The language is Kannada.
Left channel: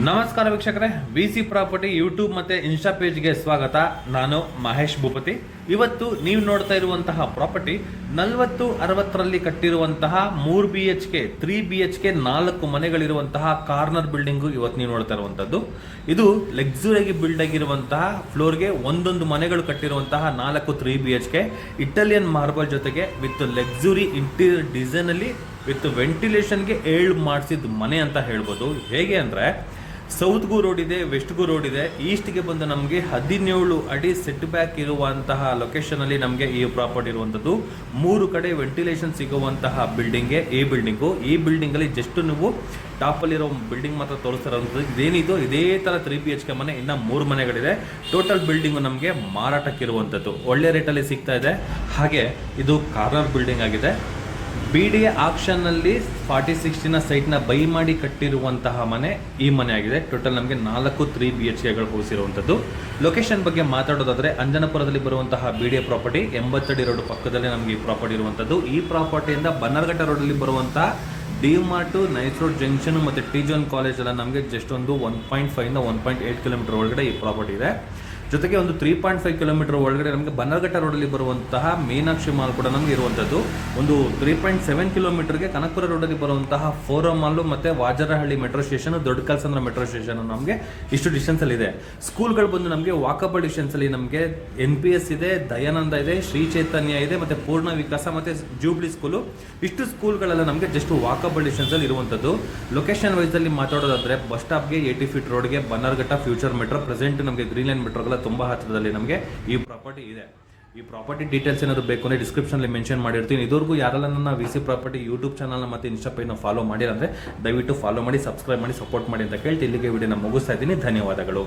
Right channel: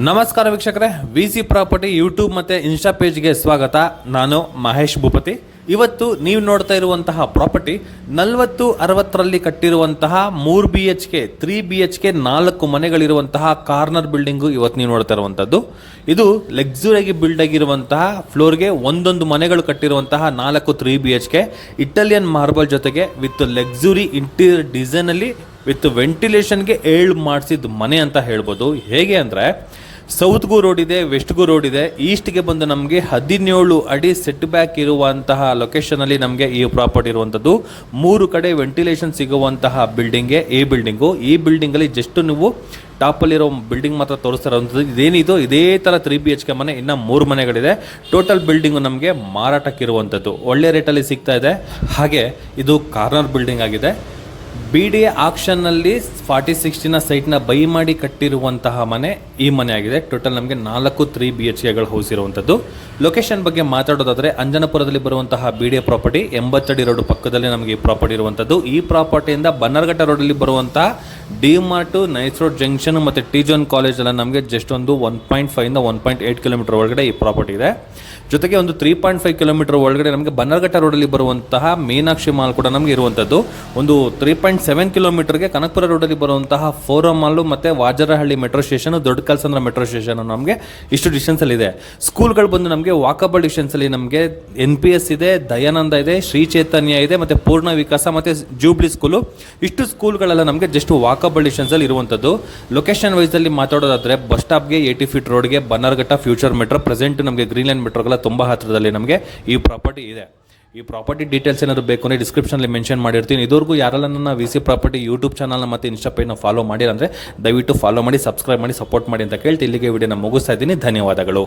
ನಮಸ್ಕಾರ ವೀಕ್ಷಕರೇ, ವಿ.ಸಿ. ಪ್ರಾಪರ್ಟಿ ಯೂಟ್ಯೂಬ್ ಮತ್ತು ಇನ್ಸ್ಟಾ ಪೇಜ್ಗೆ ಸ್ವಾಗತ. ನಾನು ಮಹೇಶ್ ಭೂಪತಿ. ಇವತ್ತು ನೀವು ನೋಡ್ತಾ ಇರುವಂತಹ ಪ್ರಾಪರ್ಟಿ 40-60ರಲ್ಲಿ ಕಟ್ಟಿರುವಂತಹ 3 BHK 3 BHK 4 ಮನೆಗಳಿರುವಂತಹ ಕಾರ್ನರ್ ಬಿಲ್ಡಿಂಗು ಇವತ್ತು ನೀವು ನೋಡ್ತಾ ಇರುವಂಥದ್ದು. ಇದು ಲಕ್ಸುರಿಯಾಗಿ ಬಿಲ್ಡ್ ಆಗಿರುವಂತಹ ಫ್ಲೋರ್ಗೆ ಒಂದೊಂದು ಮನೆಗಳು ಕಟ್ಟಿರುವಂತಹ 4 3 BHK ಇಟಾಲಿಯನ್ ಮಾರ್ಬಲ್ ಜೊತೆಗೆ ವಿತ್ ಲಕ್ಸುರಿ ಇಂಟೀರಿಯರ್ ಡಿಸೈನಲ್ಲಿ ವಿತ್ ವೆಂಟಿಲೇಷನ್ಗೆ ಮಾಡಿಸಿದ ಮನೆ ಅಂತ ಹೇಳ್ಬೋದು. ಹೇಗೆ ಅಂದರೆ ಸೌತ್ಗೂ ರೋಡ್ ಇದೆ, ವೆಸ್ಟ್ಗೂ ರೋಡ್ ಇದೆ. ಈಸ್ಟ್ಗೆ ಬಂದು ನಮಗೆ 17 ಅಡಿ ಸೆಟ್ ಬ್ಯಾಕ್ ಇರುವಂತಹ ಲೊಕೇಶನಲ್ಲಿ ನಮಗೆ ಈ ಪ್ರಾಪರ್ಟಿ ಇರುವಂಥದ್ದು. 3 ಕಡೆ ವೆಂಟಿಲೇಷನ್ ಸಿಗುವಂತಹ ಬಿಲ್ಡಿಂಗ್ಗೆ ಈ ಬಿಲ್ಡಿಂಗು. ಈ ಬಿಲ್ಡಿಂಗಲ್ಲಿ ಜಸ್ಟ್ ನೀವು ಟಾಪಲ್ಲಿರೋ ಬಿಲ್ಡಿಂಗ್ ಮಾತ್ರ ತೋರಿಸ್ತಾ ಇರುವಂಥದ್ದು. ಇದೇನಿದು ಇದೇ ಥರ 3 BHK ಮನೆ ಇನ್ನು 3 ಮನೆಗಳಿದೆ. ಟೋಟಲ್ ಬಿಲ್ಡಿಂಗು ನಮಗೆ ಮಾರಾಟಕ್ಕಿರುವಂಥದ್ದು ಒಳ್ಳೆ ರೇಟಲ್ಲಿ ಸಿಗ್ತಾ ಇದೆ. ಹಾಗೆ ಇದು ಕಾರ್ನರ್ ಬಿಲ್ಡಿಂಗ್ ಆಗಿದೆ. BDA ಆಕ್ಷನ್ನಲ್ಲಿ 40-60 ಸೈಟ್ನ ಬೈ ಮಾಡಿ ಕಟ್ಟಿರುವಂತಹ ಮನೆ ಈ ಮನೆ ಆಗಿದೆ. ಟೋಟಲ್ ನಮಗೆ 4 3 BHKಗಳು ಹೌಸಿರುವಂಥದ್ದು. ಲೊಕೇಶನ್ ಬಗ್ಗೆ ಮಾತಾಡೋದಾದರೆ ಅಂಜನಪುರದಲ್ಲಿ ಬರುವಂತಹ BDA ಪ್ರಾಪರ್ಟಿ 80 ಅಡಿ ರೋಡ್ ಪಕ್ಕದಲ್ಲಿ ನಮಗೆ ಈ ಪ್ರಾಪರ್ಟಿ ಇರುವಂಥದ್ದು. ಈ ಪ್ರಾಪರ್ಟಿಯಿಂದ ಬನ್ನರ್ಘಟ್ಟ ರೋಡಲ್ಲಿ ಬರುವಂತಹ ಡಿ-ಮಾರ್ಟು, ನೈಸ್ ರೋಡ್ ಜಂಕ್ಷನ್ ಮತ್ತು ಟಿ-ಜೋನ್ ಕಾಲೇಜ್ ಎಲ್ಲ ನಮಗೆ ಜಸ್ಟ್ ಒಂದು 1.5 1.8 ಕಿಲೋಮೀಟರ್ ಒಳಗಡೆ ಈ ಪ್ರಾಪರ್ಟಿ ಇದೆ. ಜೊತೆಗೆ ಒಂದು 3.5 ಕಿಲೋಮೀಟರ್ ಒಳಗಡೆ ನಮಗೆ ಬನ್ನರ್ಘಟ್ಟ ರೋಡಲ್ಲಿ ಬರುವಂತಹ ಮೀನಾಕ್ಷಿ ಮಾಲ್ ಕೂಡ ನಮಗೆ ಇರುವಂಥದ್ದು. ಒಂದು 3.7 ಕಿಲೋಮೀಟರ್ಗೆ ಕನಕಪುರ ರೋಡಲ್ಲಿ ಬರುವಂತಹ ಫೋರಂ ಮಾಲು ಮತ್ತು ವಾಜರಹಳ್ಳಿ ಮೆಟ್ರೋ ಸ್ಟೇಷನ್, ದೊಡ್ಡ ಕಲ್ಸಂದ್ರ ಮೆಟ್ರೋ ಸ್ಟೇಷನ್ ನಮಗೆ ಇಷ್ಟು ಡಿಸ್ಟೆನ್ಸಲ್ಲಿ ಇದೆ. ಸ್ಕೂಲ್ಗಳು ಬಂದು ನಮಗೆ ವಾಕಬಲ್ ಡಿಸ್ಟೆನ್ಸಲ್ಲಿ ನಮಗೆ NPS ಇದೆ, ದಯಾನಂದ ಇದೆ, ಶ್ರೀ ಚೈತನ್ಯ ಇದೆ ಮತ್ತು ಪೂರ್ಣ ವಿಕಾಸ ಮತ್ತು ಜೂಬ್ಲಿ ಸ್ಕೂಲು. ಇಷ್ಟು ಸ್ಕೂಲ್ಗಳೆಲ್ಲ ನಮಗೆ ಜಸ್ಟ್ ವಾಕಬಲ್ ಡಿಸ್ಟೆನ್ಸಲ್ಲಿ ಇರುವಂಥದ್ದು. ಲೊಕೇಶನ್ ವೈಸಲ್ಲಿ ಮಾತಾಡೋದಾದರೆ ಬಸ್ ಸ್ಟಾಪ್ಗೆ 80 ಫೀಟ್ ರೋಡ್ಗೆ ಬನ್ನರ್ಘಟ್ಟ ಫ್ಯೂಚರ್ ಮೆಟ್ರೋ, ಪ್ರೆಸೆಂಟ್ ನಮಗೆ ಗ್ರೀನ್ ಲೈನ್ ಮೆಟ್ರೋಗಳ ತುಂಬ ಹತ್ತಿರದಲ್ಲಿ ನಮಗೆ ಈ ಪ್ರಾಪರ್ಟಿ ಇದೆ. ಈ ಪ್ರಾಪರ್ಟಿ ಡೀಟೇಲ್ಸ್ ಏನಾದರೂ ಬೇಕು ಅಂದರೆ ಡಿಸ್ಕ್ರಿಪ್ಷನಲ್ಲಿ ಮೆನ್ಷನ್ ಮಾಡಿರ್ತೀನಿ. ಇದುವರೆಗೂ ಯಾರೆಲ್ಲ ನನ್ನ ವಿ.ಸಿ. ಪ್ರಾಪರ್ಟಿ ಯೂಟ್ಯೂಬ್ ಚಾನಲ್ನ ಮತ್ತು ಇನ್ಸ್ಟಾ ಪೇಜ್ನ ಫಾಲೋ ಮಾಡಿರಂದರೆ ದಯವಿಟ್ಟು ಫಾಲೋ ಮಾಡಿ, ಸಬ್ಸ್ಕ್ರೈಬ್ ಮಾಡಿ, ಸಪೋರ್ಟ್ ಮಾಡಿ ಅಂತ ಕೇಳ್ತಿ ಇಲ್ಲಿಗೆ ವಿಡಿಯೋನ ಮುಗಿಸ್ತಾ ಇದ್ದೀನಿ. ಧನ್ಯವಾದಗಳು.